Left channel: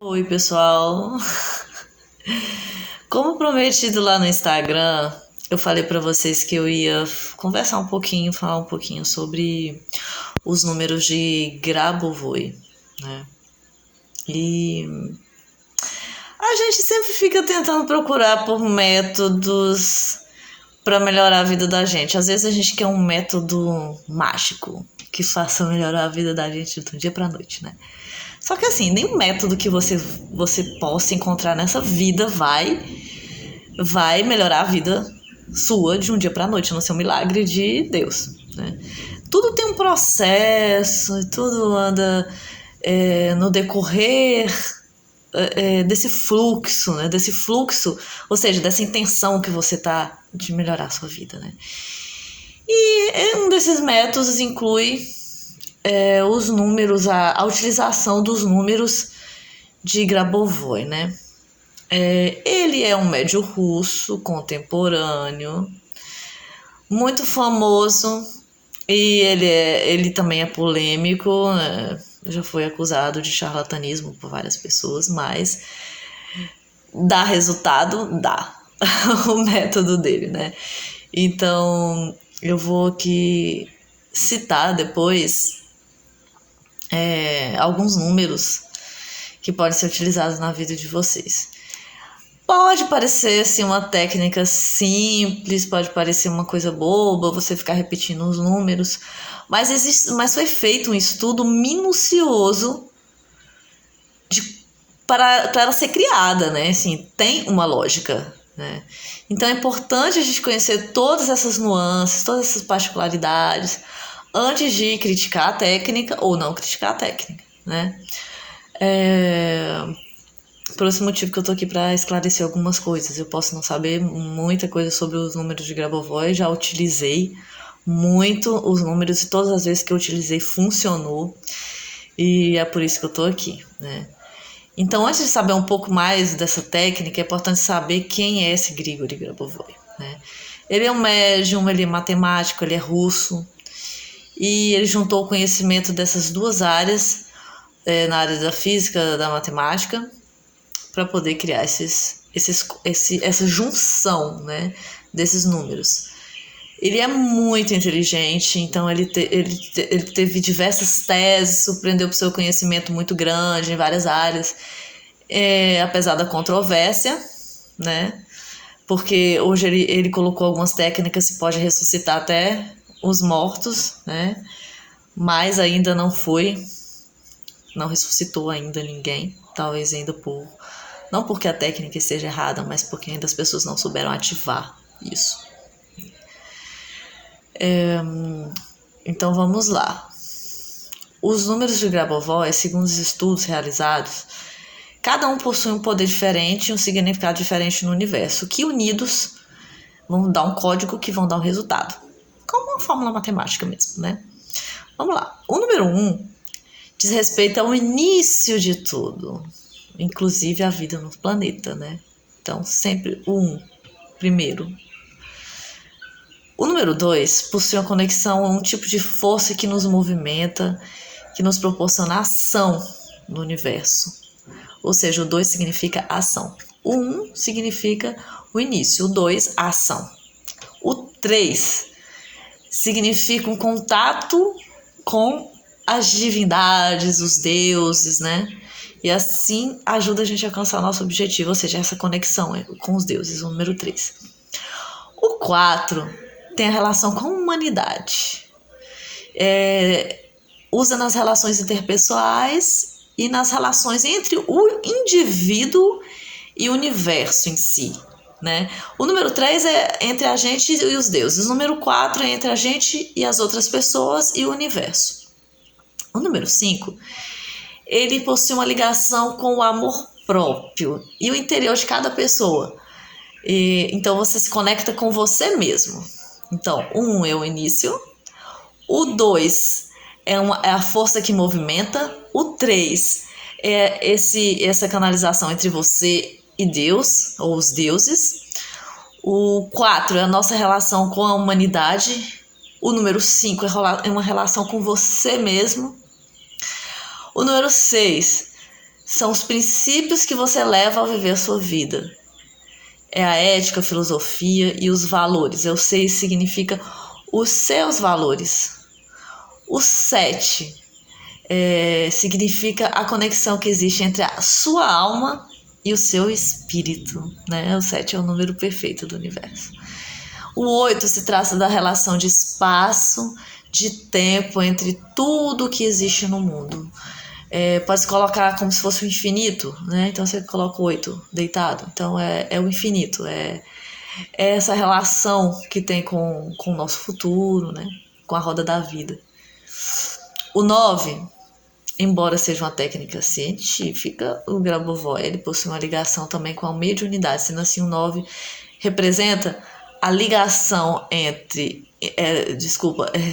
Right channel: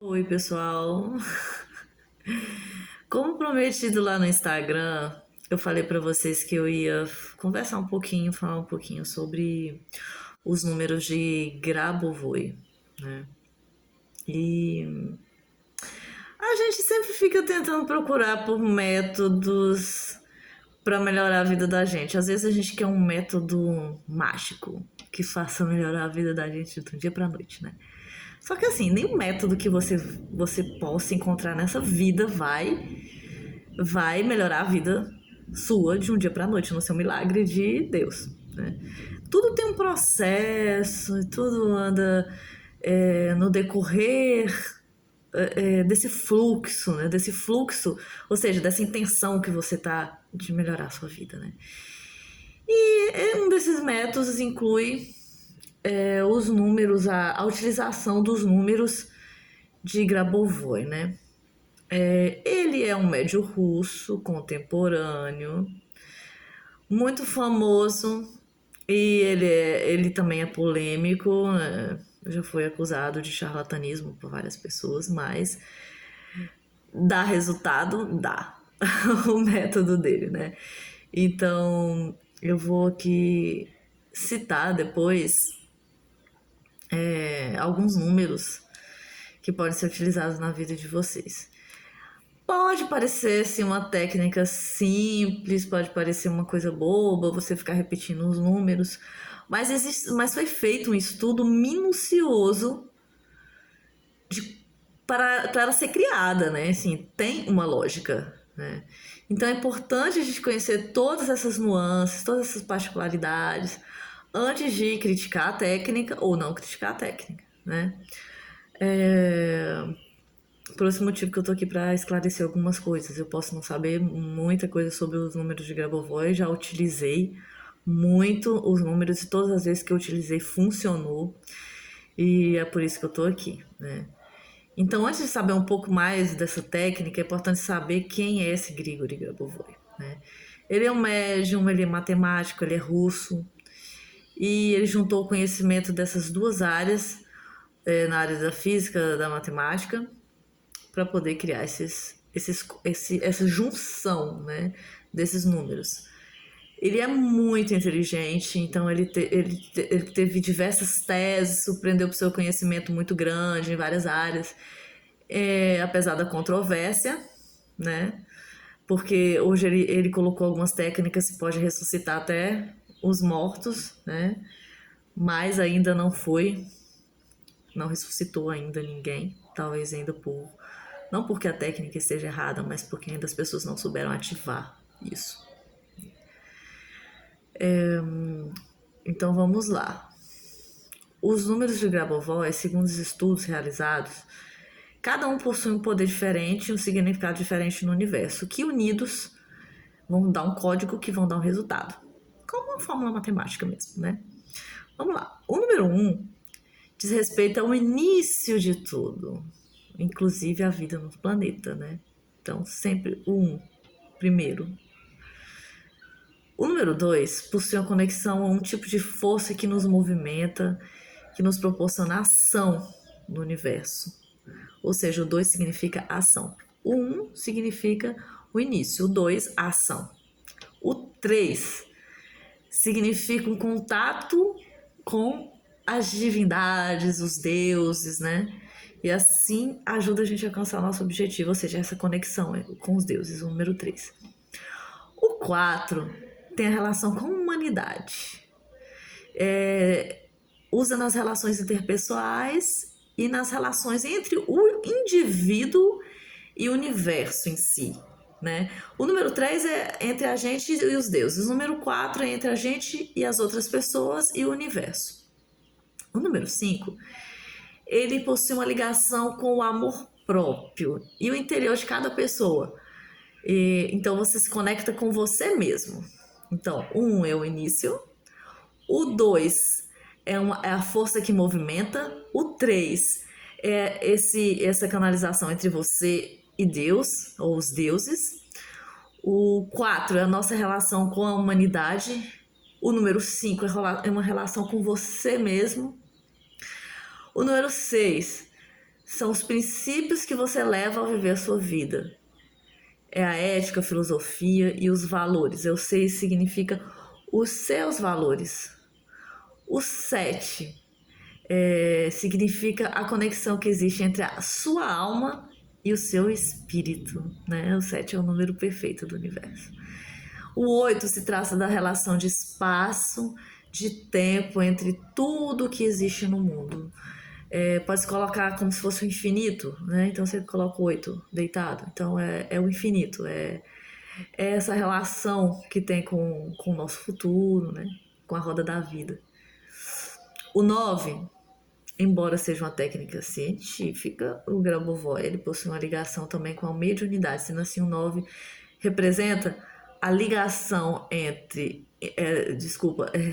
Oi, pessoal. Como prometido lá no Instagram, eu falei pra vocês que eu ia conversar um pouquinho, falar um pouquinho sobre os números de Grabovoi, né? E a gente sempre fica tentando procurar por métodos para melhorar a vida da gente. Às vezes a gente quer um método mágico que faça melhorar a vida da gente do dia pra noite, né? Só que assim, nenhum método que você possa encontrar nessa vida vai melhorar a vida sua de um dia para a noite, a não ser um milagre de Deus, né? Tudo tem um processo, tudo anda no decorrer desse fluxo, né? Desse fluxo, ou seja, dessa intenção que você tá de melhorar a sua vida, né? E um desses métodos inclui os números, a utilização dos números de Grabovoi, né? Ele é um médio russo contemporâneo, muito famoso, e ele também é polêmico, né? Já foi acusado de charlatanismo por várias pessoas, mas dá resultado, dá o método dele, né? Então eu vou aqui citar depois alguns números que podem ser utilizados na vida de vocês. Pode parecer assim uma técnica simples, pode parecer uma coisa boba, você ficar repetindo os números, mas foi feito um estudo minucioso para ela ser criada, né? Assim, tem uma lógica, né? Então é importante a gente conhecer todas essas nuances, todas essas particularidades antes de criticar a técnica ou não criticar a técnica, né? Por esse motivo que eu tô aqui para esclarecer algumas coisas. Eu posso não saber muita coisa sobre os números de Grabovoi, já utilizei muito os números e todas as vezes que eu utilizei funcionou. E é por isso que eu tô aqui, né? Então, antes de saber um pouco mais dessa técnica, é importante saber quem é esse Grigori Grabovoi, né? Ele é um médium, ele é matemático, ele é russo, e ele juntou o conhecimento dessas duas áreas, na área da física, da matemática, para poder criar essa junção, né, desses números. Ele é muito inteligente, então ele teve diversas teses, surpreendeu por seu conhecimento muito grande em várias áreas, apesar da controvérsia, né? Porque hoje ele colocou algumas técnicas que pode ressuscitar até os mortos, né? Mas ainda não ressuscitou ainda ninguém, talvez ainda não porque a técnica esteja errada, mas porque ainda as pessoas não souberam ativar isso. Então vamos lá. Os números de Grabovoi, segundo os estudos realizados, cada um possui um poder diferente e um significado diferente no universo, que unidos vão dar um código que vão dar um resultado. Como uma fórmula matemática mesmo, né? Vamos lá. O número 1 diz respeito ao início de tudo, inclusive a vida no planeta, né? Então, sempre o 1, primeiro. O número 2 possui uma conexão a um tipo de força que nos movimenta, que nos proporciona ação no universo. Ou seja, o 2 significa ação. O 1 significa o início, o 2, a ação. O 3 significa um contato com as divindades, os deuses, né? E assim ajuda a gente a alcançar o nosso objetivo, ou seja, essa conexão com os deuses, o número 3. O 4 tem a relação com a humanidade. Usa nas relações interpessoais e nas relações entre o indivíduo e o universo em si, né? O número 3 é entre a gente e os deuses. O número 4 é entre a gente e as outras pessoas e o universo. O número 5, ele possui uma ligação com o amor próprio e o interior de cada pessoa. Então você se conecta com você mesmo. Então, o 1 é o início, o 2 é a força que movimenta, o 3 é essa canalização entre você e Deus, ou os deuses. O 4 é a nossa relação com a humanidade. O número 5 é uma relação com você mesmo. O número 6 são os princípios que você leva ao viver a sua vida. É a ética, a filosofia e os valores. O 6 significa os seus valores. O 7 significa a conexão que existe entre a sua alma e o seu espírito, né? O 7 é o número perfeito do universo. O 8 se trata da relação de espaço, de tempo entre tudo que existe no mundo. Pode se colocar como se fosse o infinito, né? Então você coloca o 8 deitado. Então é o infinito, é essa relação que tem com o nosso futuro, né? Com a roda da vida. O 9, embora seja uma técnica científica, o Grabovoi, ele possui uma ligação também com a mediunidade, sendo assim o 9 representa a ligação entre,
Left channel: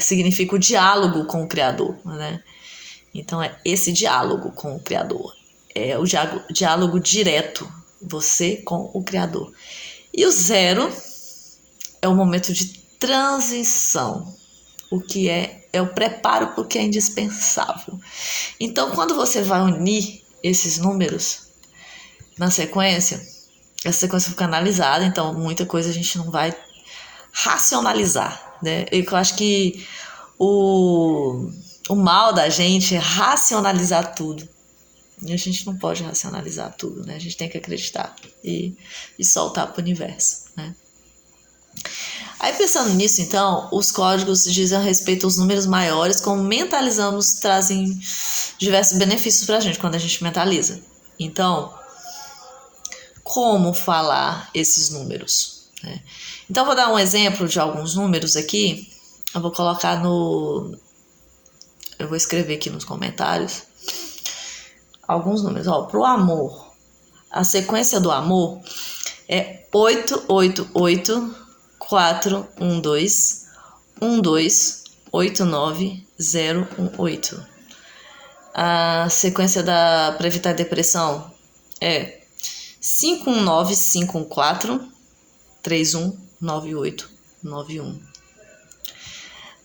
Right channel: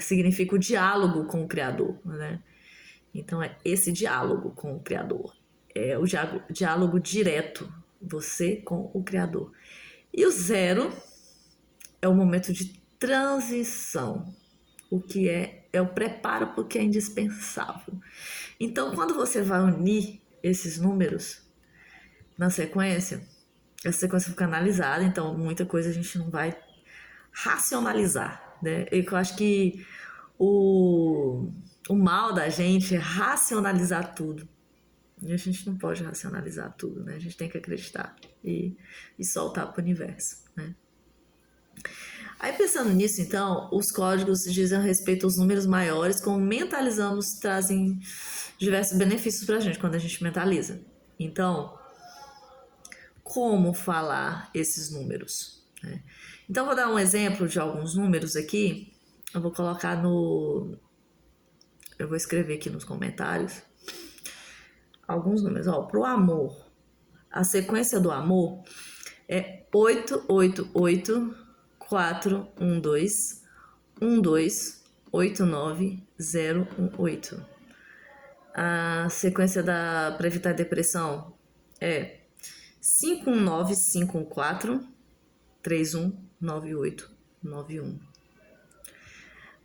significa o diálogo com o Criador, né? Então é esse diálogo com o Criador, é o diálogo direto, você com o Criador. E o 0 é o momento de transição, o que é o preparo para o que é indispensável. Então, quando você vai unir esses números na sequência, essa sequência fica analisada, então muita coisa a gente não vai racionalizar, né? Eu acho que o mal da gente é racionalizar tudo. E a gente não pode racionalizar tudo, né? A gente tem que acreditar e soltar para o universo, né? Aí pensando nisso, então, os códigos dizem a respeito aos números maiores, como mentalizamos, trazem diversos benefícios para a gente quando a gente mentaliza. Então, como falar esses números, né? Então, vou dar um exemplo de alguns números aqui. Eu vou colocar eu vou escrever aqui nos comentários alguns números. Para o amor, a sequência do amor é 888 412 1289018. A sequência para evitar depressão é 519-514-319891.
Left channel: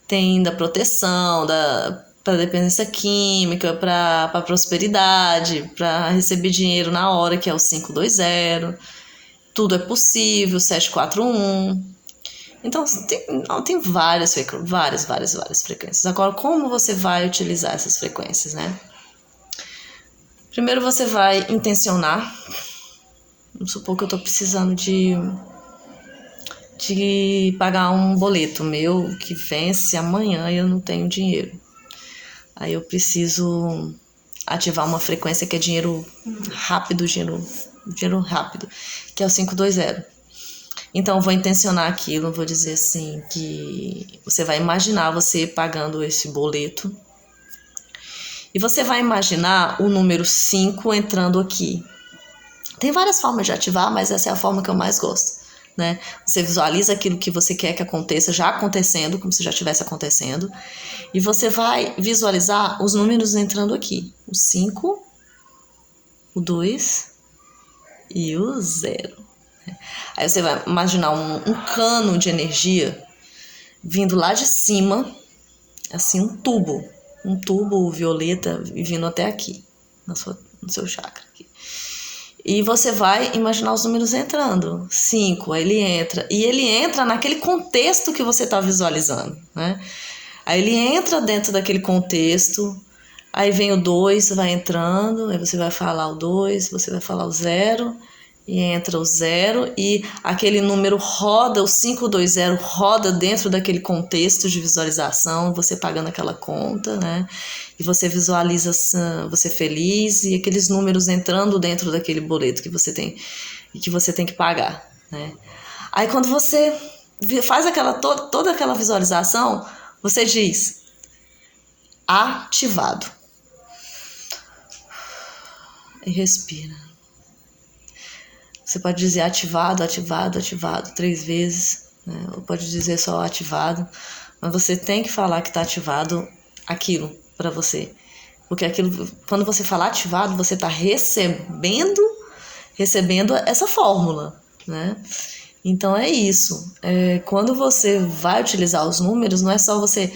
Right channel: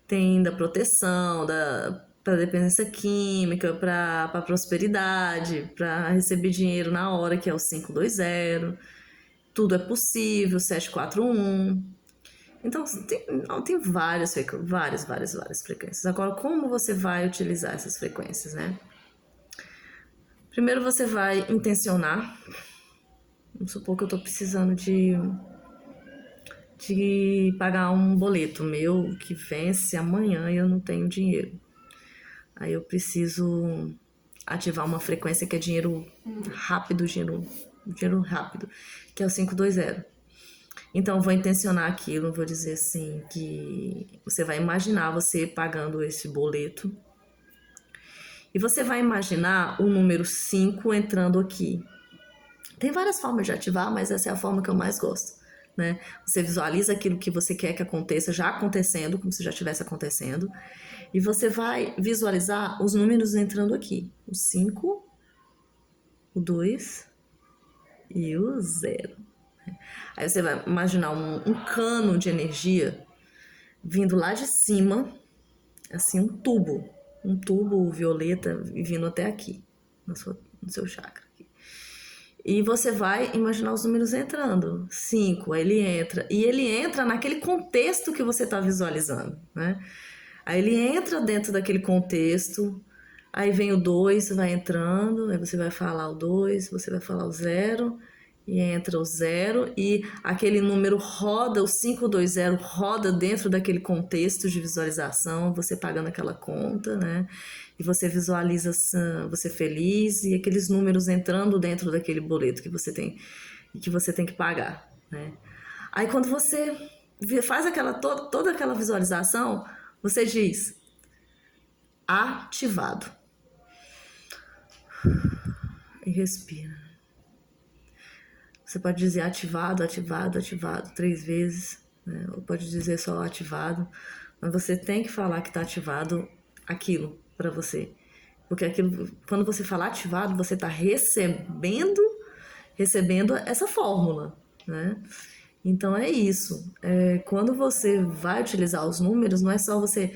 Tem da proteção, para dependência química, para prosperidade, para receber dinheiro na hora, que é o 520. Tudo é possível, 741. Então, tem várias frequências. Agora, como você vai utilizar essas frequências, né? Primeiro você vai intencionar. Vamos supor que eu estou precisando de pagar um boleto meu que vence amanhã e eu não tenho dinheiro. Aí eu preciso ativar uma frequência que é dinheiro rápido, que é o 520. Então, eu vou intencionar aquilo, vou dizer assim, que você vai imaginar você pagando esse boleto. E você vai imaginar o número 5 entrando aqui. Tem várias formas de ativar, mas essa é a forma que eu mais gosto, né? Você visualiza aquilo que você quer que aconteça, já acontecendo, como se já estivesse acontecendo. E você vai visualizar os números entrando aqui. O 5, o 2 e o 0. Aí você vai imaginar um cano de energia vindo lá de cima, assim, um tubo violeta vindo até aqui, no seu chakra. Aqui. E você vai imaginar os números entrando. 5, aí ele entra. E ele entra naquele contexto que você está visualizando, né? Aí ele entra dentro daquele contexto, aí vem o 2, vai entrando, aí você vai falar o 2, você vai falar o 0... E entra o 0 e aquele número roda, o 520 roda dentro daquele contexto de visualização, você pagando aquela conta, né? E você visualiza você feliz e aqueles números entrando dentro daquele boleto que você tem e que você tem que pagar, né? Aí quando você faz toda aquela visualização, você diz ativado. E respira. Você pode dizer ativado 3 vezes, né? Ou pode dizer só ativado, mas você tem que falar que está ativado aquilo para você. Porque aquilo, quando você falar ativado, você está recebendo essa fórmula, né? Então é isso. Quando você vai utilizar os números, não é só você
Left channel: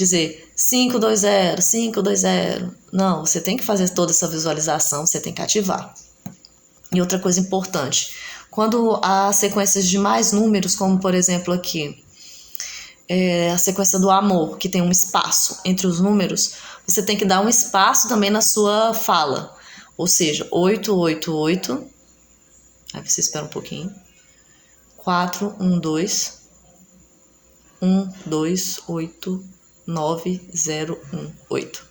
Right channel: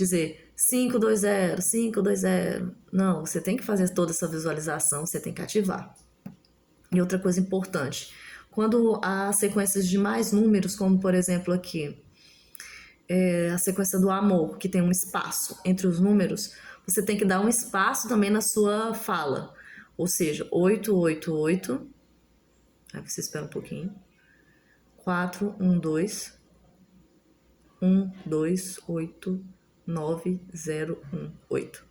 dizer 520, 520. Não, você tem que fazer toda essa visualização, você tem que ativar. E outra coisa importante, quando há sequências de mais números, como por exemplo aqui, a sequência do amor, que tem um espaço entre os números, você tem que dar um espaço também na sua fala. Ou seja, 888, aí você espera um pouquinho, 412, 128, 9018.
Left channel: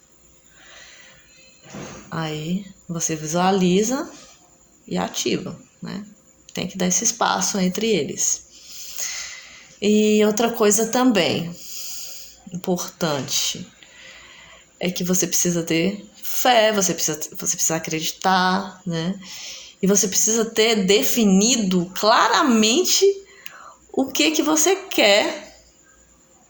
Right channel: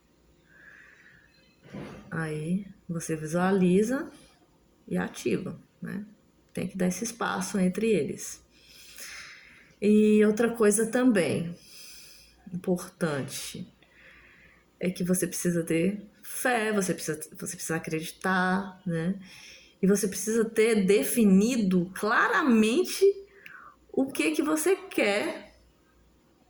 Aí você visualiza e ativa, né? Tem que dar esse espaço entre eles. E outra coisa também importante é que você precisa ter fé, você precisa acreditar, né? E você precisa ter definido claramente o que você quer.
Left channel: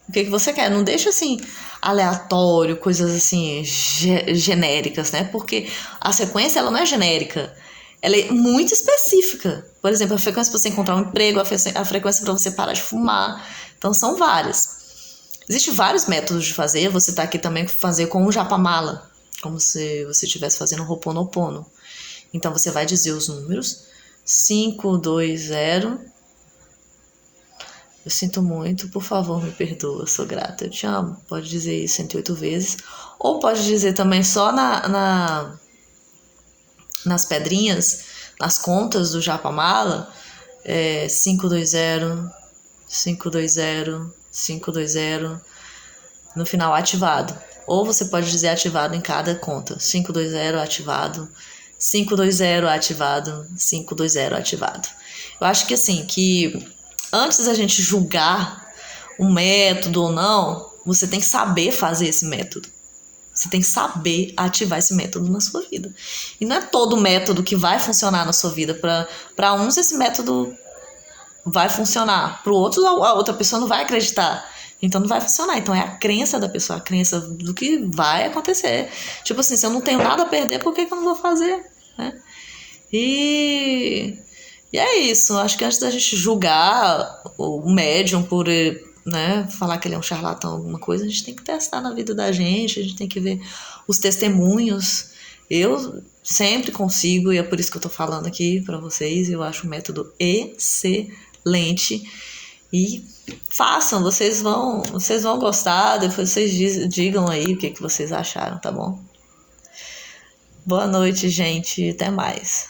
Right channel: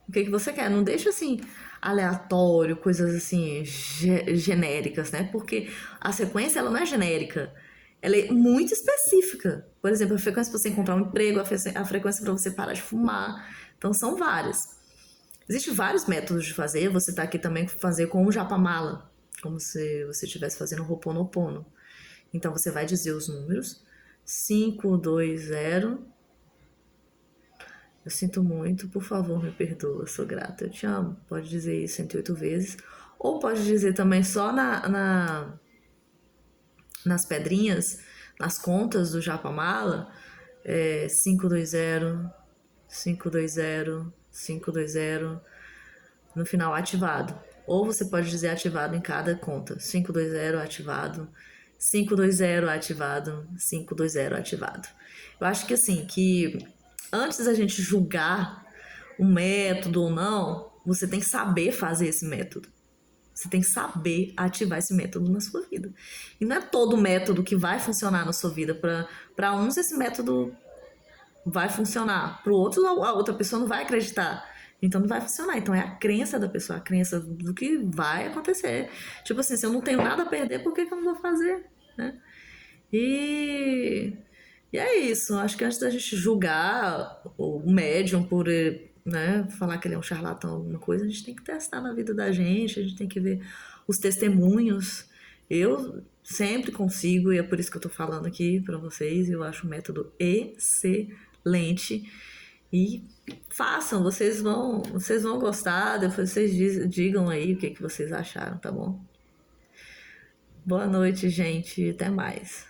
O que você quer. Não deixa assim aleatório, coisas assim genéricas, né? Porque a sequência ela não é genérica. Ela é muito específica. Por exemplo, a frequência para você encontrar um emprego, a frequência para você parar de fumar. Então, são várias. Existem vários métodos de fazer. Você está aqui também fazer com o japamala, como se você estivesse fazendo um Ho'oponopono. Então, você vai dizer os números. 520. Eu sinto muito, por favor, me perdoa, sou grata, eu te amo. Pode dizer isso 108 vezes. Ou pode dizer também só nas pedrinhas, nas contas do japamala, 520, 520, 520, no final ativado. Ou você pode dizer ativado em cada conta. 520 ativado, 520 ativado, 520 ativado. Eu acho que assim, que antes da gente julgar um método ou não, você tem que saber fazer esse método. Você tem que saber ativar esse método na sua vida. E não é todo método que vai funcionar na sua vida. Para uns, esse método vai funcionar. Para outros, a outra pessoa não vai acreditar. Então, não vai funcionar. Então, é a crença da pessoa, a crença do que vai acontecer. Tipo assim, se eu não tenho nada a perder, por que eu não vou fazer? Né? E é isso. Acho que antes da gente julgar o médium por, né, falar que ele é um charlatão, alguma coisa, a gente tem que testar na vida da gente, a gente tem que ver os testemunhos. Eu sempre consigo, e é por isso que eu tô falando aqui para vocês, eu acho um método excelente. E façam, vocês vão gostar, depois vocês digam aí o que vocês acharam, tá bom? Boa noite, gente, até mais.